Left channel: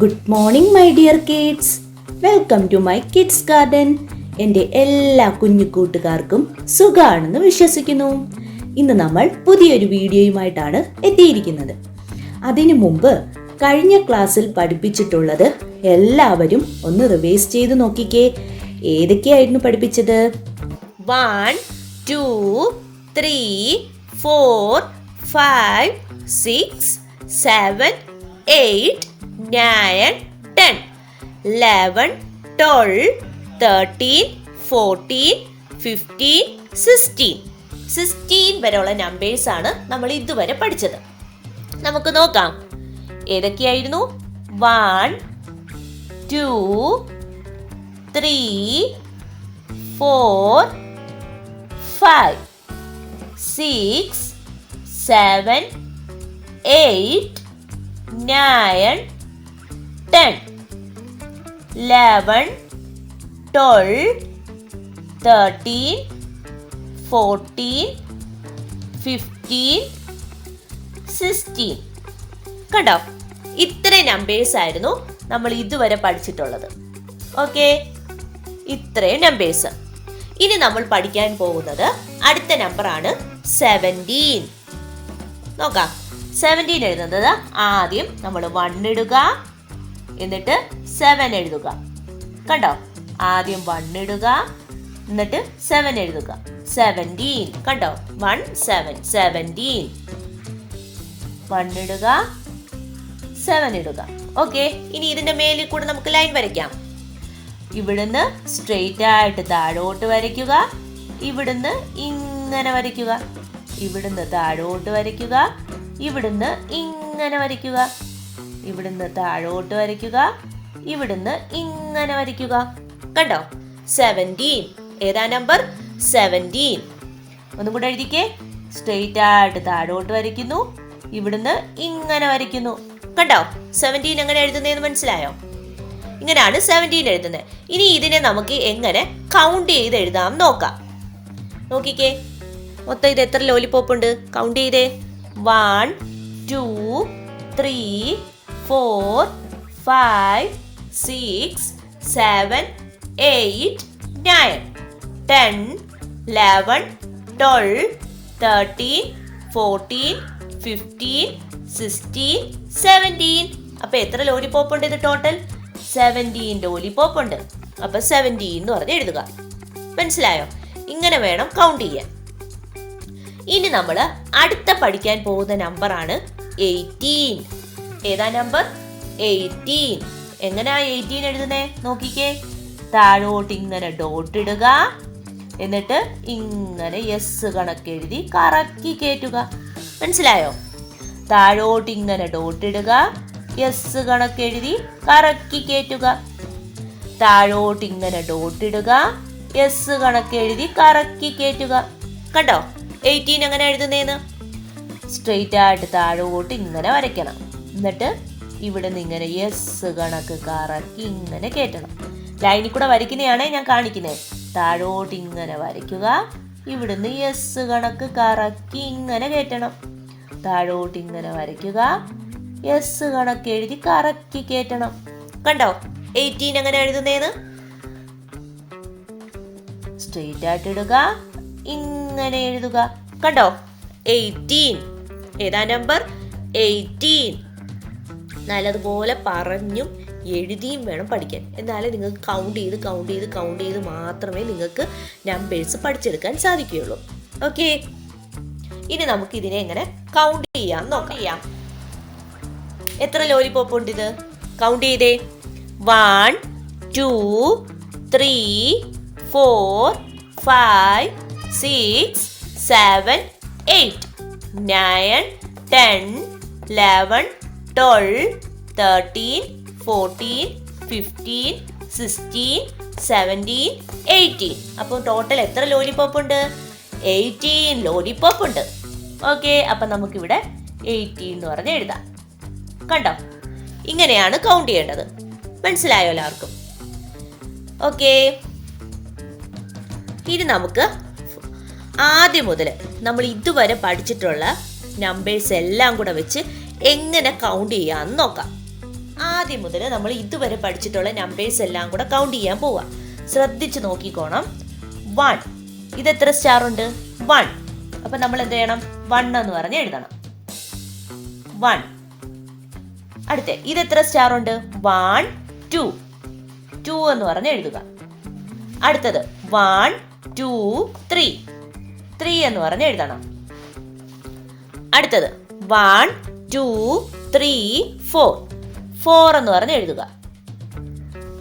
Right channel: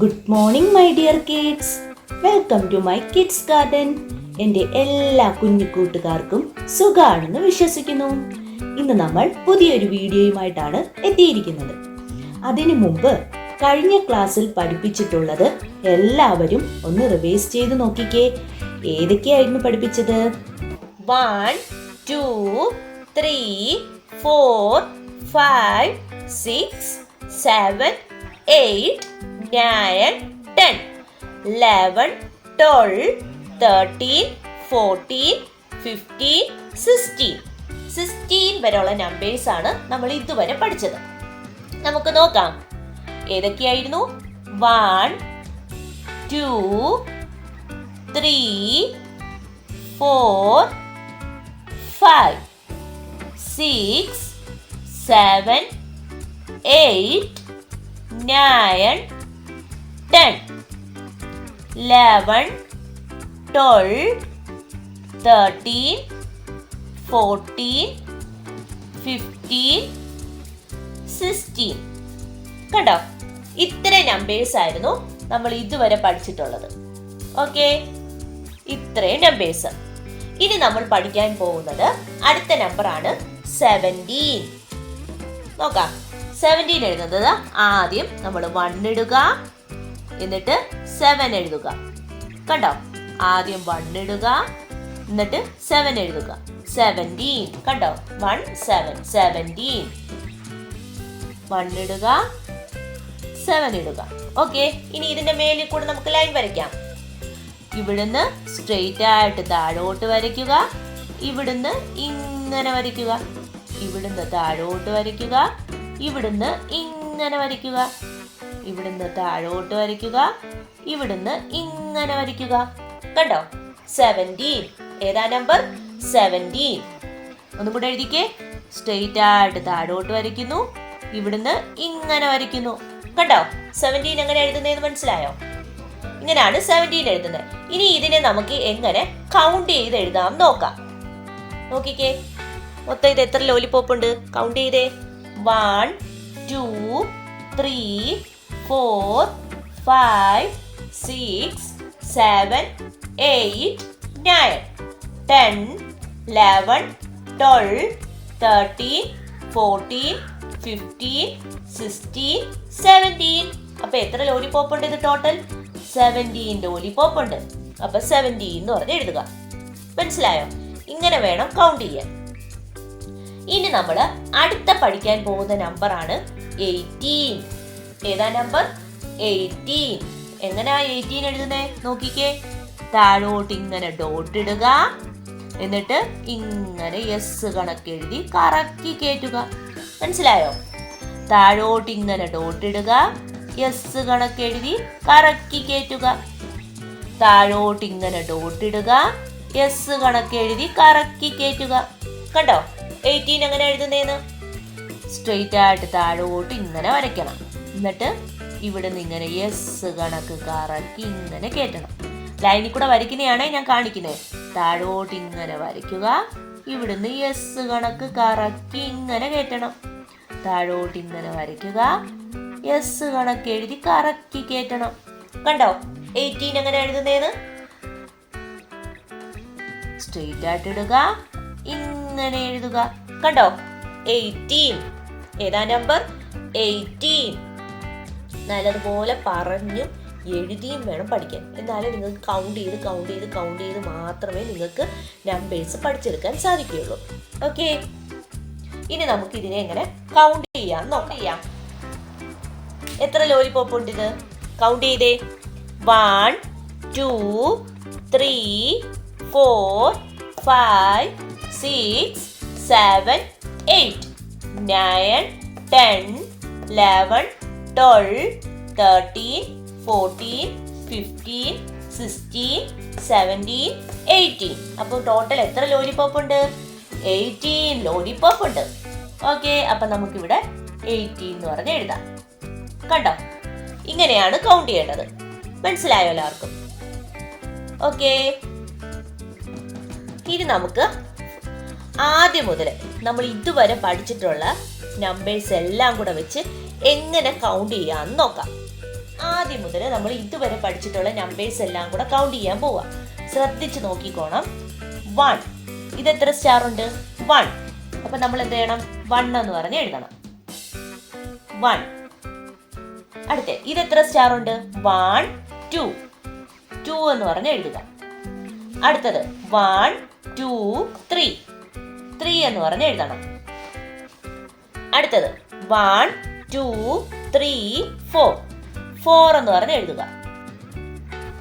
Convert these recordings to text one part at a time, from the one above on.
Good morning my dear kids. Welcome to my kids garden. എൻ്റെ എല്ലാ കുഞ്ഞു കൂട്ടുകാർക്കും സുഖാണെന്ന് വിശ്വസിക്കുന്നു. ഇന്ന് നമ്മൾ പുതിയൊരു വീഡിയോയുമായിട്ടാണ് എത്തിയിരിക്കുന്നത്. അതിനു മുമ്പ് കഴിഞ്ഞ ക്ലാസ്സിൽ പഠിപ്പിച്ചിട്ടുള്ളത് എല്ലാവരും ഒന്ന് റിവൈസ് ചെയ്ത് നോക്കിക്കേ. ഏതൊക്കെയായിരുന്നു പഠിപ്പിച്ചത്? 1, 2, 3, 4, 5, 6, 7, 8, 9, 10, 11, 12, 13, 14, 15, 16 വരെയുള്ള നമ്പേഴ്സ് ആണ് നമ്മൾ ഇതുവരെ പഠിച്ചത്. നമുക്ക് നോക്കാം ഏതൊക്കെയായിരുന്നു. 1, 2, 3, 4, 5, 6, 7, 8, 9, 10, 11, 12, 13, 14, 15, 16. കണ്ടോ? ഇത്ര നമ്പേഴ്സ് ആയിരുന്നു നമ്മൾ ഇതുവരെ പഠിച്ചിട്ടുള്ളത്. ഓക്കെ, ഇത്രയും നമ്പേഴ്സ്. ഇനി നമ്മൾ പഠിക്കാൻ പോകുന്നത് അടുത്ത നമ്പർ ആണ് 17. നോക്കാം. 17 എഴുതുന്നത് ആദ്യം നമ്മൾ 1 ഇടുക, എന്നിട്ട് 7 എഴുതുക. കണ്ടോ? ആദ്യം 1 ഇടുക, എന്നിട്ട് 7 എഴുതുക. 17. കണ്ടോ? 1, 7, 17. 1 ഇടുക, 7 ഇടുക. ഓക്കെ, ഇനി ഇതിന്റെ മേലിൽ കൂടെ നമുക്ക് ലൈൻ വരയ്ക്കാം. ഇവിടുന്ന് സ്ട്രെയിറ്റ് ആയിട്ട് താഴോട്ട് വരയ്ക്കുക, ഇവിടുന്ന് ഇങ്ങനെ വരയ്ക്കുക, ഇവിടുന്ന് താഴോട്ട് വരയ്ക്കുക, ഇവിടുന്ന് ഇങ്ങനെ വരയ്ക്കുക, ഇവിടുന്ന് താഴോട്ട് വരയ്ക്കുക, ഇവിടുന്ന് ഇങ്ങനെ വരയ്ക്കുക. കണ്ടോ? 17. ഏതാ നമ്പർ? 17. ഒന്നും കൂടെ എഴുതിക്കേ. സ്ട്രെയിറ്റ് ആയിട്ട് താഴോട്ട് വരയ്ക്കുന്നു, ഇവിടുന്ന് ഇങ്ങനെ വരയ്ക്കുന്നു. കണ്ടോ? 17 എങ്ങനെ എഴുതുന്നതെന്ന് മനസ്സിലായോ? ഇങ്ങനെയാണ് 17 എഴുതുന്നത്. ഇനി ഇതിനെ നമുക്ക് എങ്ങനെ കൗണ്ട് ചെയ്ത് എഴുതാം നോക്കാം. നോക്കിക്കേ, മൊത്തം ഇത് എത്ര ലോലിപോപ്പ് ഉണ്ട്? കൗണ്ട് ചെയ്തേ. 1, 2, 3, 4, 5, 6, 7, 8, 9, 10, 11, 12, 13, 14, 15, 16, 17. അപ്പൊ എത്ര ലോലിപോപ്പ് ഉണ്ട് ഇത് ടോട്ടൽ? 17 ലോലിപോപ്പ് ഉണ്ട്. അപ്പൊ 17 എന്ന് പറഞ്ഞ് എഴുതുക. മനസ്സിലായോ? ഇങ്ങനെ വേണം കൗണ്ട് ചെയ്യാൻ. ഇനി നമ്മൾ അടുത്ത പഠിക്കാൻ പോകുന്ന നമ്പർ ആണ് 18. ഏതാ നമ്പർ? 18. എങ്ങനെയാ 18 എഴുതുന്നേ? നോക്കിക്കേ. താഴോട്ട് ഇങ്ങനെ ഡോട്ട് ഇടുക, എന്നിട്ട് ഇങ്ങനെ എസ് കണക്ക് എഴുതി കറക്കി കയറ്റുക. മനസ്സിലായോ? താഴോട്ട് ഇങ്ങനെ ഡോട്ട് ഇടുക, എസ് കണക്ക് എഴുതി കറക്കി കയറ്റുക. താഴോട്ട് ഇങ്ങനെ ഡോട്ട് ഇടുക, എസ് കണക്ക് എഴുതി കറക്കി കയറ്റുക. കണ്ടോ 18 എങ്ങനെ എഴുതുന്നേന്ന്? സ്ട്രെയിറ്റ് ആയിട്ട് താഴോട്ട് ഇങ്ങനെ വരയ്ക്കണം, എന്നിട്ട് ഇവിടുന്ന് ഇങ്ങനെ എസ് കണക്ക് കറക്കി ഇങ്ങനെ കയറ്റണം. ലൈനിൽ കൂടെ വരയ്ക്കുന്നതാണേ ഞാൻ കാണിക്കുന്നത്. താഴോട്ട് ഇങ്ങനെ വരയ്ക്കുക, ഇവിടുന്ന് എസ് കണക്ക് കറക്കി ഇങ്ങനെ കയറ്റണം. താഴോട്ട് ഇങ്ങനെ വരയ്ക്കുക, എസ് കണക്ക് എഴുതി കറക്കി കയറ്റണം. കണ്ടോ 18 എങ്ങനെ എഴുതുന്നേന്ന്? സ്ട്രെയിറ്റ് ആയിട്ട് ഇടുക, ഇങ്ങനെ എഴുതുക. കണ്ടോ? 18. ഏതാ നമ്പർ? 18. നല്ലതുപോലെ പറഞ്ഞും എഴുതിയും വേണം പഠിക്കാൻ. എന്നാലേ നിങ്ങൾക്ക് കൗണ്ട് ചെയ്ത് മാത്രമേ നിങ്ങൾക്ക് നമ്പേഴ്സ് പഠിച്ചെടുക്കാൻ സാധിക്കുകയുള്ളൂ. ഓക്കെ, ഇനി നമുക്ക് ഇതിനെ എങ്ങനെ കൗണ്ട് ചെയ്യാം നോക്കാം. എത്ര ലോലിപോപ്പ് ഉണ്ട് ഇത്? കൗണ്ട് ചെയ്തേ. 1, 2, 3, 4, 5, 6, 7, 8, 9, 10, 11, 12, 13, 14, 15, 16, 17, 18. അപ്പോൾ ടോട്ടൽ എത്ര ലോലിപോപ്പ് ഉണ്ട്? 18 ലോലിപോപ്പ് ഉണ്ട്. ഓക്കെ, അപ്പൊ നമുക്കിവിടെ 18 എന്ന് പറഞ്ഞ് എഴുതാം. കണ്ടോ? ഇങ്ങനെയാണ് കൗണ്ട് ചെയ്യേണ്ടത്. മനസ്സിലായോ എല്ലാവർക്കും? ഓക്കെ, ഇനി നമുക്ക് ആദ്യം മുതൽ നമ്മൾ ഇതുവരെ പഠിച്ചിട്ടുള്ള നമ്പേഴ്സ് എല്ലാം കൂടെ വെച്ച് എങ്ങനെ കൗണ്ട് ചെയ്യാന്ന് നോക്കാം. ആദ്യം മുതൽ നമ്മൾ ഇതുവരെ പഠിച്ചിട്ടുള്ള നമ്പേഴ്സ് എല്ലാം കൂടെ കൗണ്ട് ചെയ്യാൻ പോവാം. ശ്രദ്ധിച്ച് നോക്കിക്കോണം. 1, ഇത് എത്ര സ്റ്റാർ ഉണ്ട്? 1. അപ്പൊ നമ്മൾ എന്ത് ചെയ്യണം? 1 എന്ന് പറഞ്ഞ് എഴുതണം. 1. അടുത്ത ഇത് എത്ര സ്റ്റാർ ഉണ്ട്? 1, 2. 2 എന്ന് പറഞ്ഞ് എഴുതുക. അടുത്തത് 1, 2, 3. 3 എന്ന് പറഞ്ഞ് എഴുതണം. അടുത്തത് 1, 2, 3, 4. 4 എന്ന് പറഞ്ഞ് എഴുതുക.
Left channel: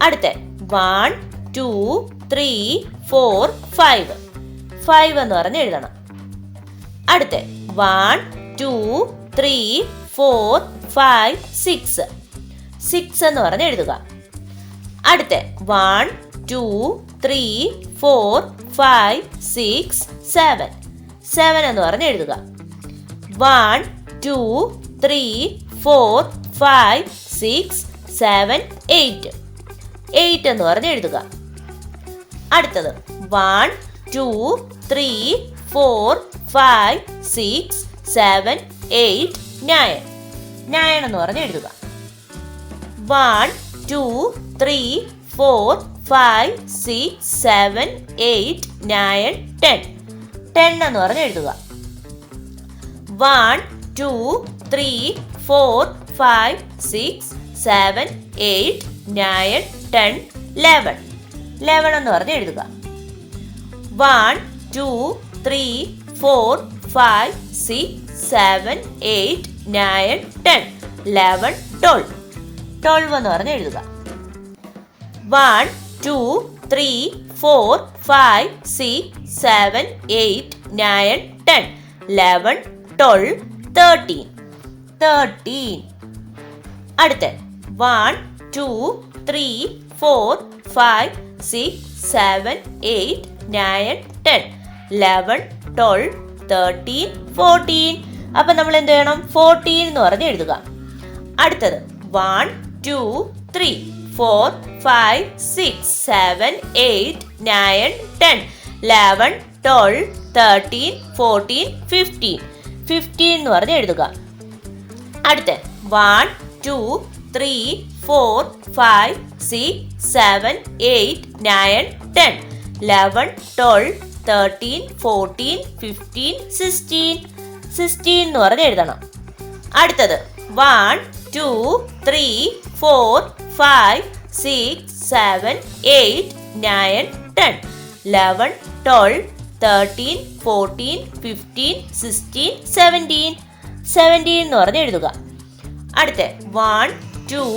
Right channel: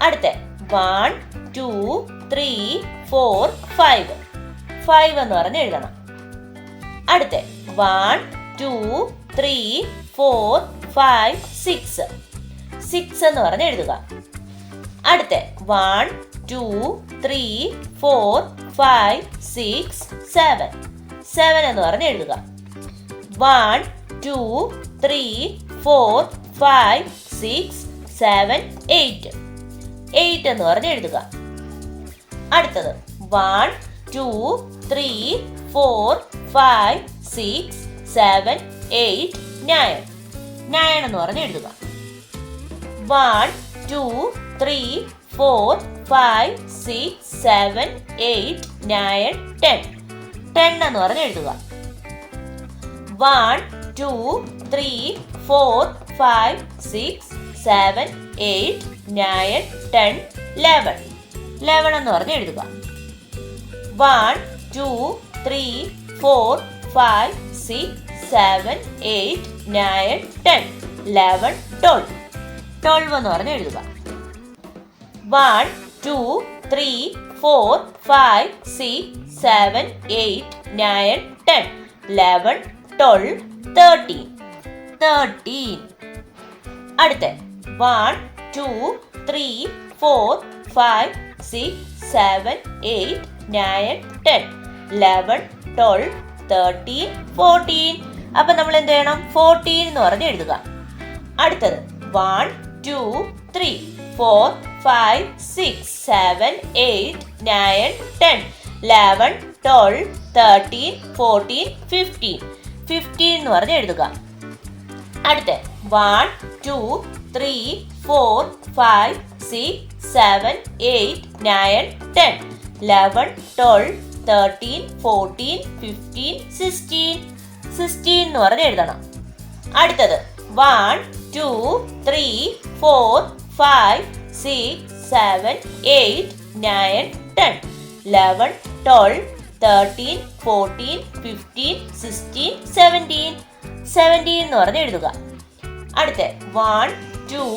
അടുത്ത 1, 2, 3, 4, 5. 5 എന്ന് പറഞ്ഞ് എഴുതണം. അടുത്ത 1, 2, 3, 4, 5, 6. 6 എന്ന് പറഞ്ഞ് എഴുതുക. അടുത്ത 1, 2, 3, 4, 5, 6, 7. 7 എന്ന് പറഞ്ഞ് എഴുതുക. 1, 2, 3, 4, 5, 6, 7, 8. 8 എന്ന് പറഞ്ഞ് എഴുതുക. അടുത്തത് 1, 2, 3, 4, 5, 6, 7, 8, 9. 9 എന്ന് പറഞ്ഞ് എഴുതുക. 1, 2, 3, 4, 5, 6, 7, 8, 9, 10. 10 എന്ന് പറഞ്ഞ് എഴുതുക. 1, 2, 3, 4, 5, 6, 7, 8, 9, 10, 11. 11 എന്ന് പറഞ്ഞ് എഴുതുക. 1, 2, 3, 4, 5, 6, 7, 8, 9, 10, 11, 12. 12 എന്ന് പറഞ്ഞ് എഴുതുക. 1, 2, 3, 4, 5, 6, 7, 8, 9, 10, 11, 12, 13. 13. അടുത്ത 1, 2, 3, 4, 5, 6, 7, 8, 9, 10, 11, 12, 13, 14. അപ്പൊ നമ്മൾ എന്ത് ചെയ്യണം? 14 എന്ന് പറഞ്ഞ് എഴുതുക. അടുത്തത് 1, 2, 3, 4, 5, 6, 7, 8, 9, 10, 11, 12, 13, 14, 15. 15 എന്ന് പറഞ്ഞ് എഴുതുക. അടുത്ത 1, 2, 3, 4, 5, 6, 7, 8, 9, 10, 11, 12, 13, 14, 15, 16. 16 എന്ന് പറഞ്ഞ് എഴുതണം. അടുത്തത് 1, 2, 3, 4, 5, 6, 7, 8, 9, 10, 11, 12, 13, 14, 15, 16, 17. 17 എന്ന് പറഞ്ഞ് എഴുതുക. അടുത്ത 1, 2,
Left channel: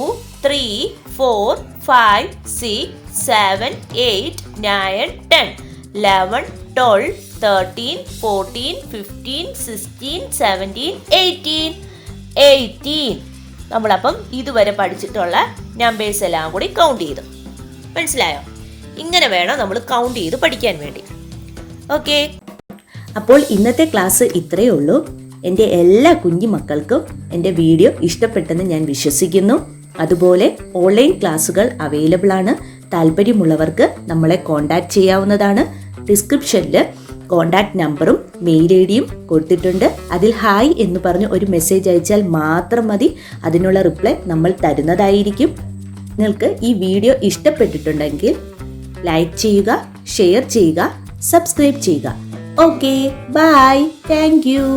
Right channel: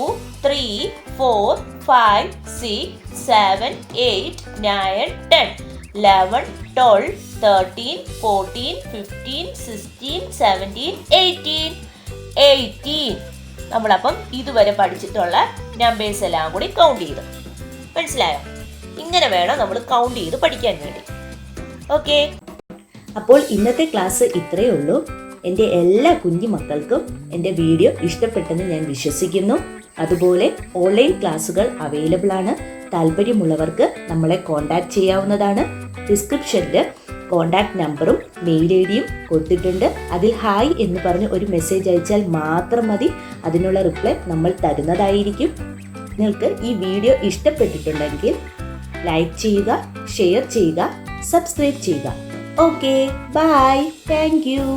3, 4, 5, 6, 7, 8, 9, 10, 11, 12, 13, 14, 15, 16, 17, 18. 18. നമ്മളപ്പം ഇതുവരെ പഠിച്ചിട്ടുള്ള നമ്പേഴ്സ് എല്ലാം കൂടി കൗണ്ട് ചെയ്തു. മനസ്സിലായോ? ഇങ്ങനെ വേണം നമ്മൾ കൗണ്ട് ചെയ്ത് പഠിക്കാൻ വേണ്ടി. ഓക്കെ, അപ്പോൾ ഇന്നത്തെ ക്ലാസ് ഇത്രയേ ഉള്ളൂ. എൻ്റെ എല്ലാ കുഞ്ഞു മക്കൾക്കും എൻ്റെ വീഡിയോ ഇഷ്ടപ്പെട്ടെന്ന് ഞാൻ വിശ്വസിക്കുന്നു. അതുപോലെ ഓൺലൈൻ ക്ലാസ്സുകൾ അവൈലബിൾ ആണ്. താല്പര്യമുള്ളവർക്ക് നമ്മളെ കോൺടാക്ട് ചെയ്യാവുന്നതാണ്. ഡിസ്ക്രിപ്ഷനിൽ കോൺടാക്ട് നമ്പറും മെയിൽ ഐ ഡിയും കൊടുത്തിട്ടുണ്ട്. അതിൽ ഹായ് എന്ന് പറഞ്ഞ് ഒരു മെസ്സേജ് അയച്ചാൽ മാത്രം മതി. അതിനുള്ള റിപ്ലൈ നമ്മൾ തരുന്നതായിരിക്കും. നിങ്ങൾക്ക് ഈ വീഡിയോ ഇഷ്ടപ്പെട്ടിട്ടുണ്ടെങ്കിൽ ലൈക്ക് ചെയ്യുക, ഷെയർ ചെയ്യുക, സബ്സ്ക്രൈബ് ചെയ്യുക. Okay, bye, thank U.